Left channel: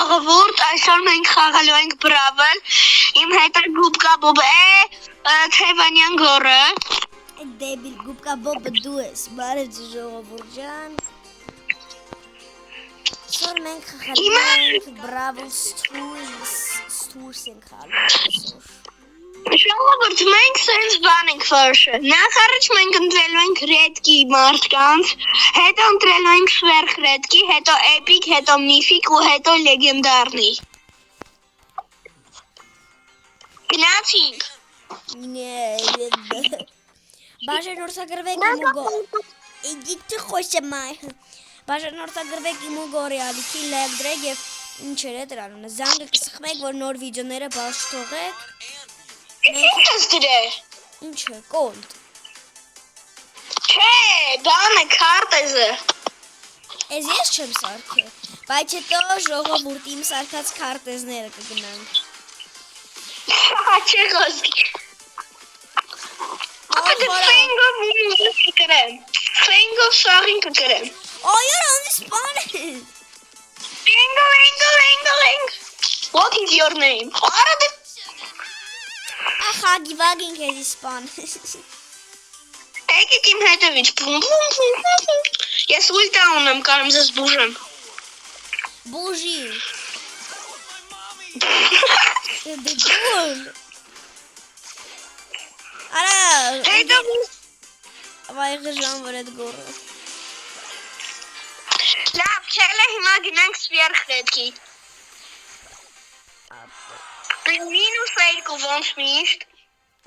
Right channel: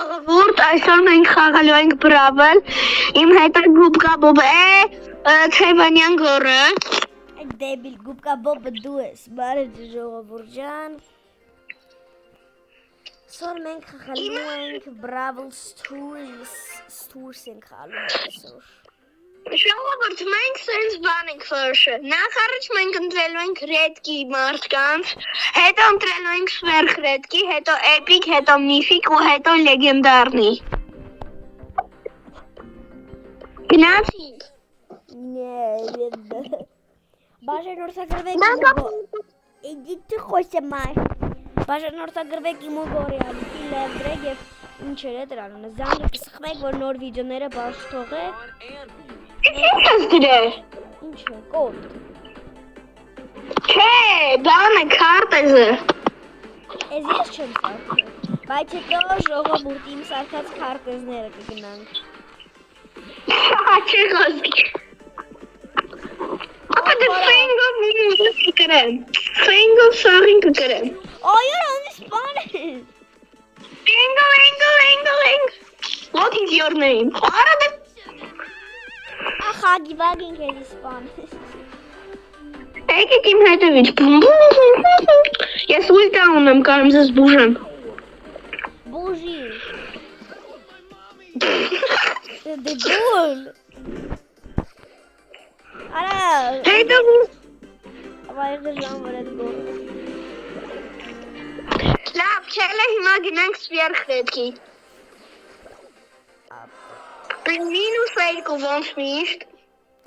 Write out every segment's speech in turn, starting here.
Ժողովուրդ, այսօր մենք խաղալու ենք Brawl, իմ հետ է Գուբկա Բոբը, Թեյվանյան գորը։ Այդ դեբիլ Գուբկա Բոբը դու ես, բարև ժողովուրդ ջան։ Այսօր մենք խաղալու ենք Brawl Stars ենք խաղալու այսօր։ Ժողովուրդ, մենք սենց բան ենք վարշը, նախ առաջ մենք ընտրելու ենք ռետկի մարդկանց, հետո ընտրելու ենք սվերխ ռետկի, հետո էպիկ, հետո միֆիկ ու հետո լեգենդարնի։ Գնացինք։ Բաժանորդագրվեք իմ ուգո։ Իդիք խոսը մայ։ Բաժանորդագրվեք իմ ուգորի ալիքի լևդրեք և ինչեր է դրանունը, զանգը կսխմեք, որ նոր վիդյոները բաց թողեք։ Ինչ ես դրել։ Ինչ է, կոդ։ Չէ, բանը քարտեզը։ Ես ես չեմ սարքել, բայց հետո ժողովուրդ իմ սարքած քարտեզները կգնանք։ Չէ խոսքի։ Ապա դե ֆենգով կկրեմ, ֆենգով սաղին կկրեմ։ Այո, անձի սպան է։ Feng. What is your name? Ախա գիվագին կեզի սպան։ Եկեք իմ հետևից, ես ուլտա ունեմ, կարում զես բուժեմ։ Բուժի։ Դե բուլ։ Արա։ Հետո Վայղը ժան վր էդ գորը։ լավ, չելը հիմա գնանք սվերխ ռետկի։ Մինուս երկու ոնց միշտ։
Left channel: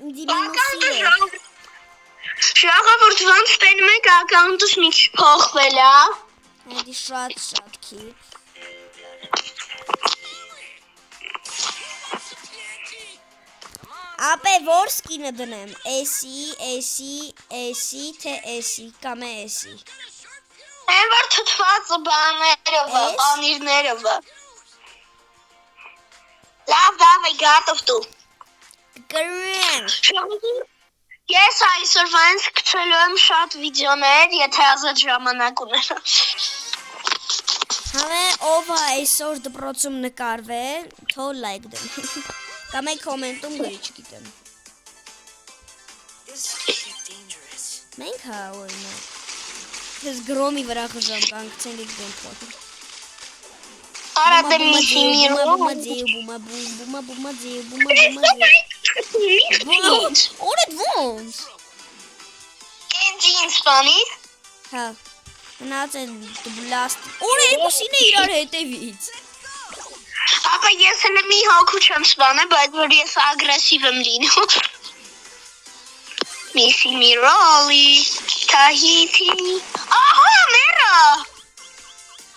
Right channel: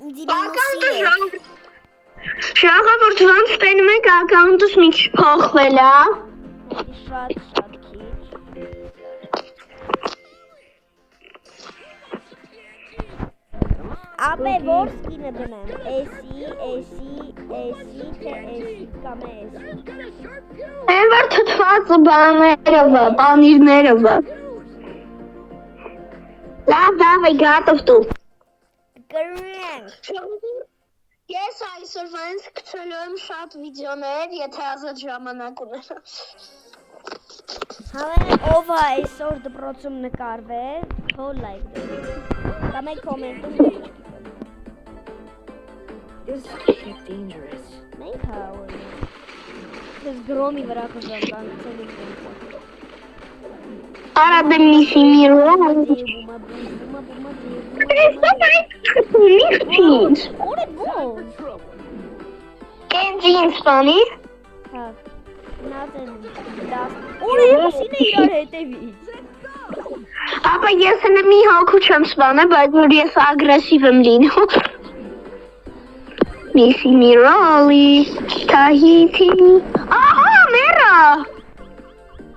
Ինձի մինուսի է։ Ժողովուրդ ոնց տենում եք ակաունտս մի քիչ փոխվել է։ Հետի շատ քիչ։ Ապե որ սկինը դնեմ, էսի, թե էսի, կամ էսի։ Են որ թթված բաները վա, բանիրները վա։ Լավ, դավայ, գատով դու։ Գրենք։ Ես այսօր վանց կցելու եմ շատ վիդյոներ, եթե ազատ ժամանակ ունենա։ Հալեն ով է այսօր դպրոցում նկարվե, թո լայք դեմ։ Կամ այն կոմենտում գրիչ գիտեմ։ Մենք հա օրն է։ Ես գրոմի վրա խժամ կանգցել եք դեմքով։ Արա դեմ միսի միրո։ Օր էդ ոնց։ Կենջին սպանի։ Հա, նած են լաստ։ Օր երկուսին է իրար հետևից։ Ապա ես հնը մի հոգու չեմ սպանը, բայց որ ես ագրեսիվ եմ լինում։ Միսի միրոլի, Թահիթի, ահա մերա։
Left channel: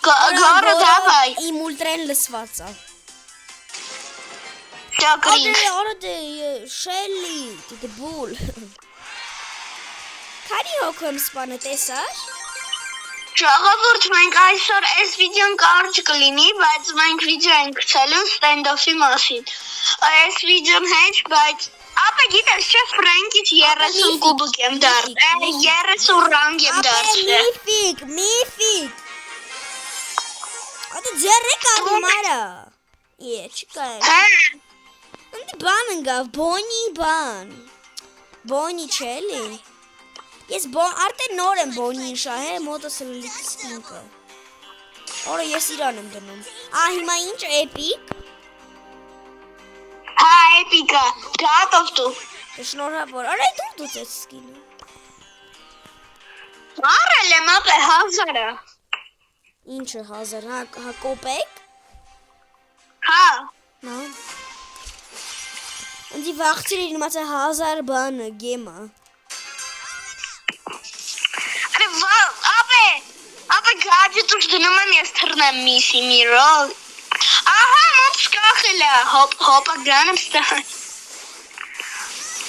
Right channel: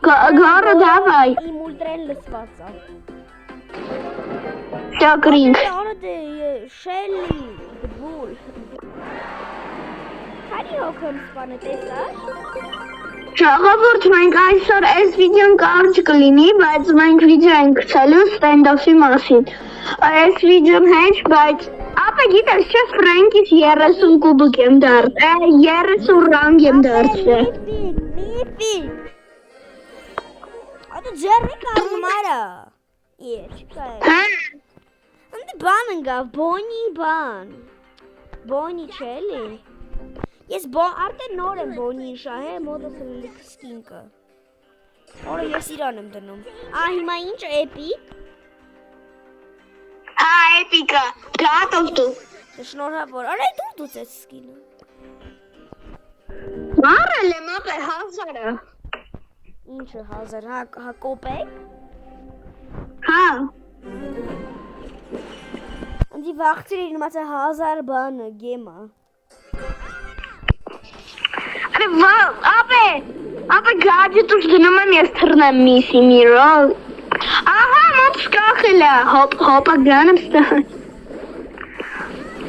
Գարը դավայ։ Իմ ուլտրեն լսված է։ Ճակրինք։ Արա դե շելի, դբուլ։ Քանի հոգում սպանը տեսար։ Ժողովուրդ մենք այսօր այս վիդեոն կարճ կլինի, բայց մենք վիդեո ենք գցելու ստենդոֆի մասին։ Այս վիդեոն հեչ, բայց ապա գիտես չէ Ֆրանկից 30 կուբիկ եմ դարձել, 30 ռանգ եմ դարձել։ Միֆիկ։ Ատո ձեռեք ամարա։ Չկա։ Հա։ Ընդ բան ընկավ, Բոնի չելի։ Ես արդեն նոր եմ Բոնին շահել, մոտս լիք սկինկը։ Օրը ես իրան եմ դնում։ Հիմա ինչ էպիկ։ Հա, էպիկա, գատով դու։ Շնորհավոր, արա դու դուց ես սկինը։ Մարել եմ ապե 1000-ը։ Ինչը 1000, հա կոպեկ։ Հա։ Ընձի վաղցիր իր մացը 1000 բանը, գեմը։ Ապե գաջետուշ դնում եմ ես թրնեմ միսի միրոլ։ Ահա մոտ կախել է, հոպա գան եմ ստան։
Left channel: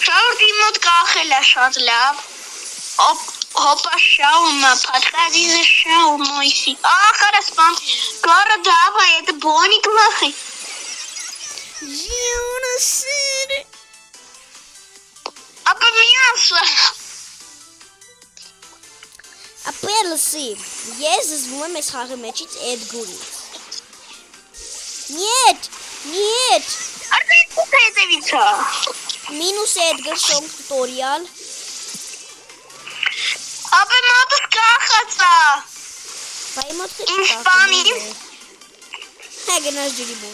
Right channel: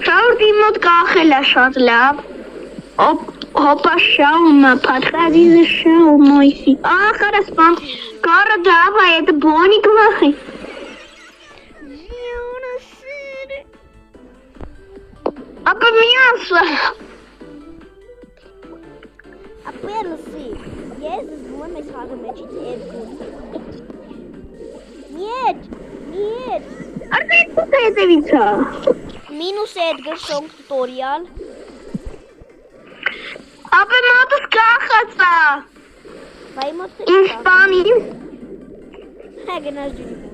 Շաուրդի մոտ կախել է շատ լավ։ Հոպա շաումը, պատրադիզը շաում մոյսի։ Ախարը սպան, կարը դավա, это բոնի կվախի։ Ժիոնը սիրը։ Ապա միասը։ Ապե լսի, ես զվում եմ այս խաղի մեջից էդ գուլից։ Нет. Արդեն հետևիցա։ Minus Edgar Song tutorial. Ապա մոտս կախացա։ Վայ մոտ Իսպանին։ Հագնաս ջիբու։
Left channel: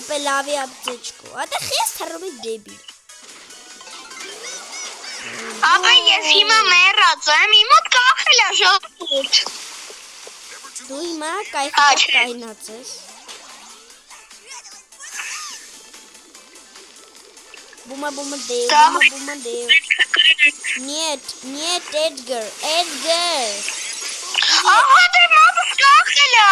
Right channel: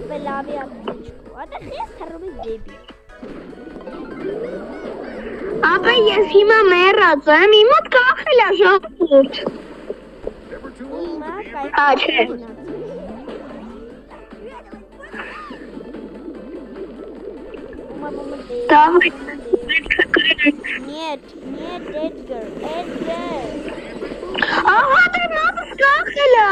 Ապա լավի ապտեչկո։ Ատա խես թռում դեպի։ Ապա ես հիմա մեռած եմ, իմ մոտ կախել է ժողովուրդ։ Դու հիմա չէ։ կայնացես։ Բումա դե։ Нет, Edgar. Ահա դե մոտս կախել է։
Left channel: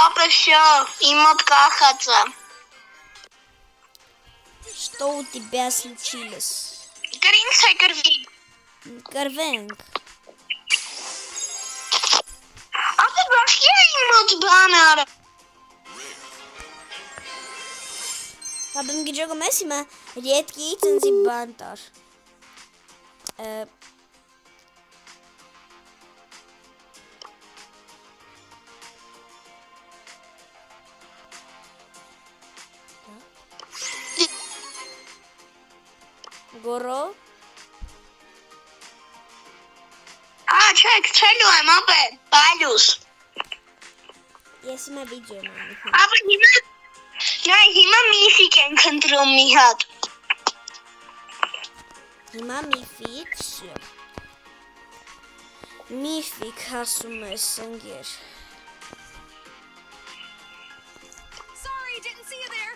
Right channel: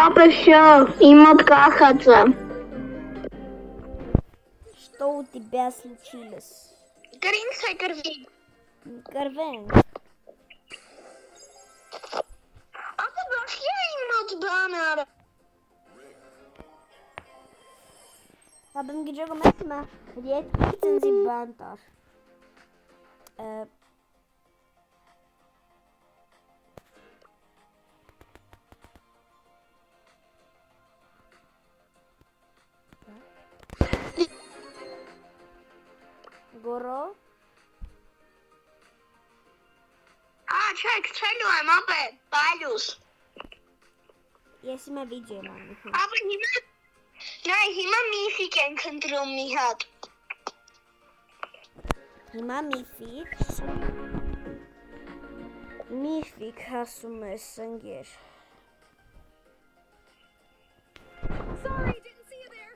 Ապա всё, իմ մոտ կախած է։ Что у тебя случилось? Գրինց է գրվի։ Կրվենք։ Ապա բախի է իմ մոտ բան արա։ Ապա գիջոգը մեսիմը յետքի ծնզի բան տար։ Գորո։ Չէ, քչելու եմ, ապա, բալուս։ Ես հիմա վիդեո եմ անում։ Ապա հիմա միֆիկ ենք ընտրում մի հատ։ Հիմա միֆիկ ասում ես ընկեր։ Sorry, didn't see you there.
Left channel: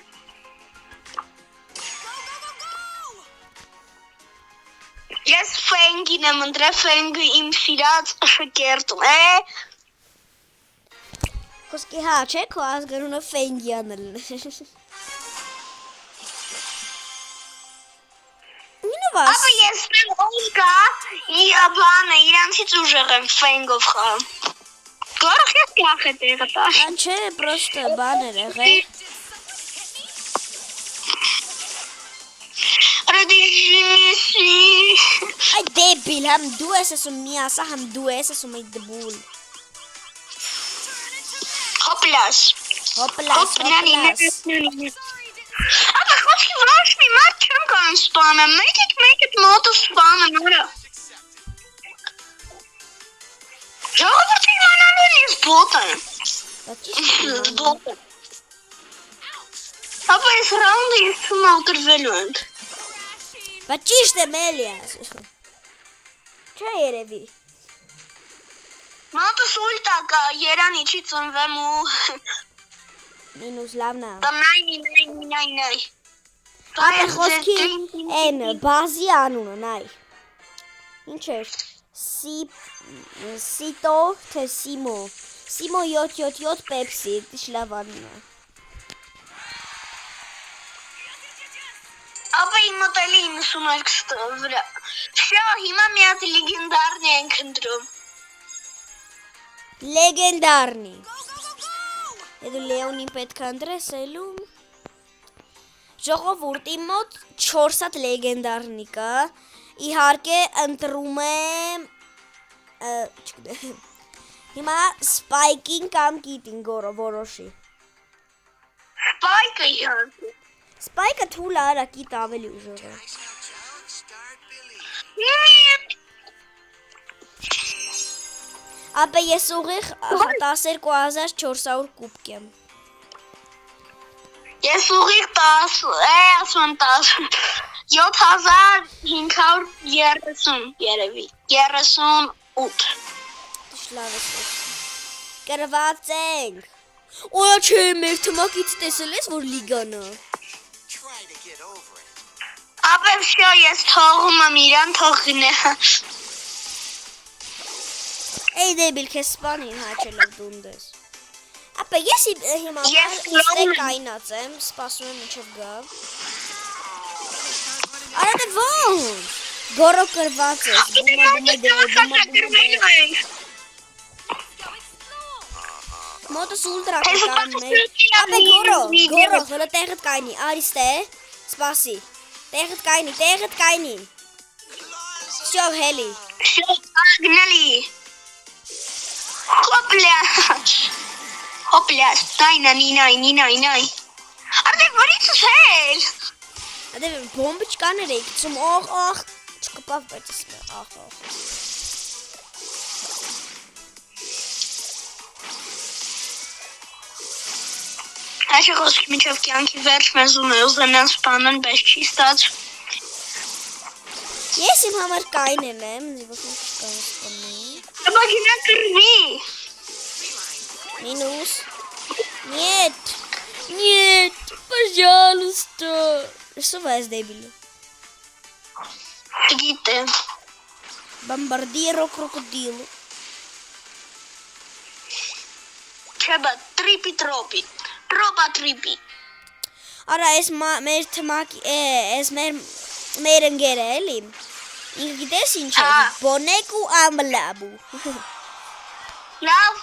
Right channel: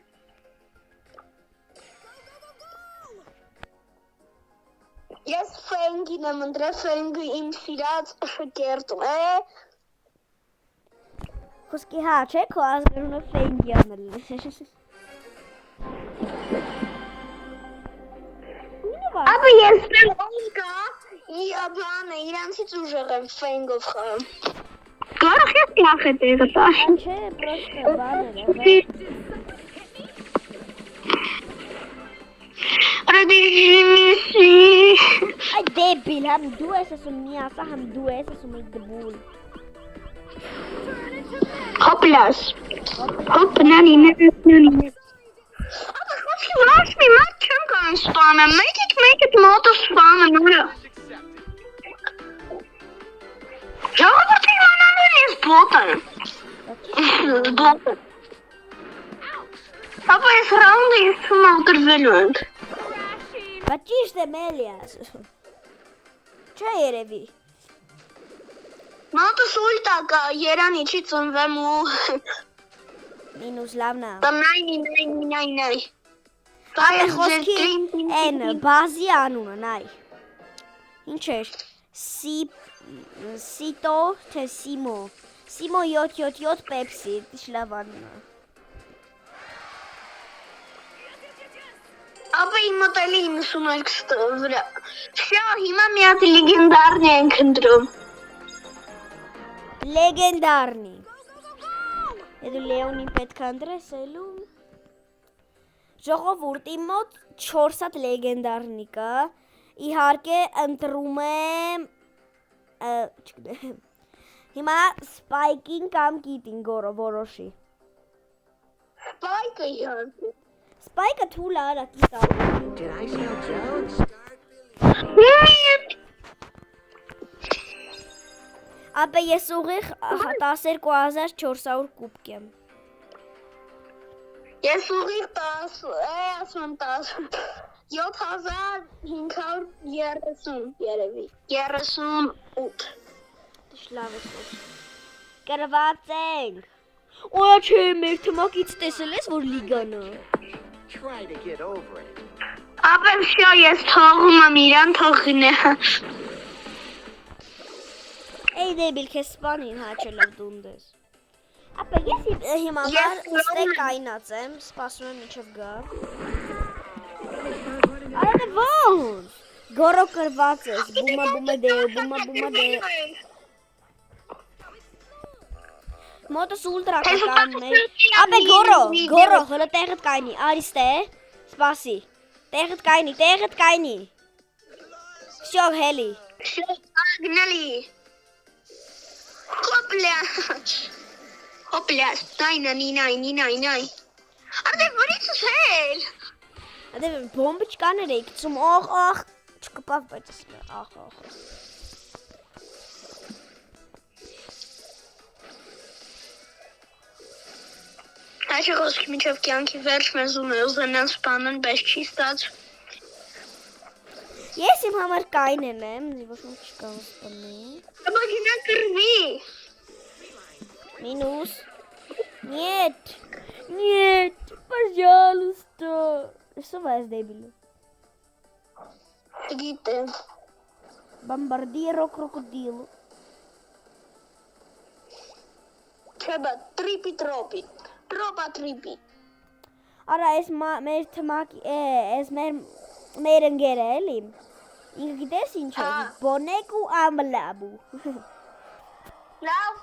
Go! Ես ֆենգին եմ ընտրել, ֆենգը իմ սիրած շկերտում է։ Խոսքի հա չէ, քո ազգանունը Ֆենգյանն է։ Ապա ես Ֆենգա, բանը իրանցից ուժեղ եմ Ֆենգով խաղում։ Կարող ես կախել տեղը տալ։ Չէ, պրոստը բան էր եղել։ Ay debil, hem du es asum miasa, hem du es asum ay debul. Hoplas. Hoplas, Hop, nani. Ապա խոսքի ոչ մի մարդ չեմ կարող սպանել, մեկ էդ մոտը սպանում ուրա։ Ժողովուրդը իմանալու են ես բոտ եմ։ Ապա ես ռաունդը ես թվում ալտրվելու ենք։ Բա ճիշտ եմ էլի ասում։ Չէ երևի։ Մոտս ուլտա կա, երանի չի ծնվեմ ու Մինուս լավնա։ Նայ։ Այ խոսքի են բազի անունը, նայ։ Ինչ էր։ Սիտո թե Սիմո։ Սիմո 777 Pepsi, դիշ լավ անունը։ Ապա իմ մոտ էլի 92 վրա։ Всё, հիմա մի հատ լեգենդարնի ենք ընտրում։ Լեգենդարնի։ Եդու Լեոնին պետք է ընտրես էլու։ Ժողովուրդ իմ մոտ 4 հատ լեգենդարնի կա։ Իհարկե ընտրում եմ հիմա Spike-ին կամ Kit-ին գորո որոշի։ Spike-ը իհարկե։ Spike-ը թույլ արա Kit ավելի։ Ապա ես ուղիղ 12400 կուբկ եմ։ Ես ուղիղ 10, ասում 10, 7530 երևի, 38։ Լավ է։ Կրված ենք։ Օյա չէ, մեր թմակից տեսել ես, որ լիգան է։ Try to get over it. Ապա всё, ես թողում եմ իրան թողինը։ Эй, դեբիլ, քեզ սպանին հաչելով դունդես։ Ապա ես հիմա ստեկ կայնած եմ, սպասում եմ ինչև գա։ Արա դե ոնց։ Գորո կրված ես, բումա դե։ Մոտս ուլտրա կան մեր։ Ապա գորո, հլը տեղը տեղդ կայնի, արիստե, սպասի, տեղդ կայնի, Всё, հելի, Всё, погнали. Հոպլա, նայ, արդե որից ես հել, ադե բոմբը չկաներ էի, կծում, աղ, չկպավ, բայց աղ, Այս խոսքի միջով կյանքի վերջ մեզ ուզենան սպանեն, բայց չի ստաց, ես իմ համար կայնեմ եմ, ոչ մի չկան սպանի, բագինա կրվի, մինուս, Нет, пожалуйста. Что вас дебилы? գիտեմ, Бомбардиро крокодилу. չեբա, տրոպի, տրոպի, Արա, ես մեր թմակի, ես մեր ընկերը էլի, ինքը գիտես ինչ է, բոնեկ ու ամլաբու, լավ,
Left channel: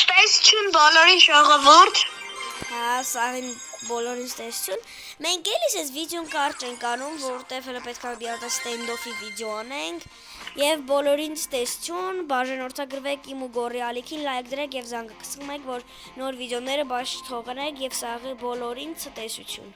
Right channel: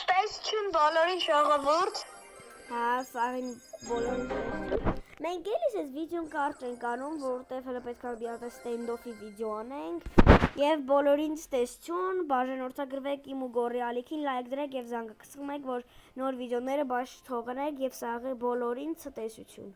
ստեսություն բոլորին ժողովուրդ, հա, սաղին բոլորին ստեսություն, մենք էլիս ես վիդյոն կարճ ենք անում, որտև հլը պետք է մի հատ ստենդոֆի վիդյո անենք, և բոլորին ստեսություն, բաժանորդագրվեք իմ ու գորի ալիքին, լայք դրեք և զանգը կսկում եք, որ նոր վիդյոները բաշխ թողնեք և սաղի բոլորին ցտեսություն։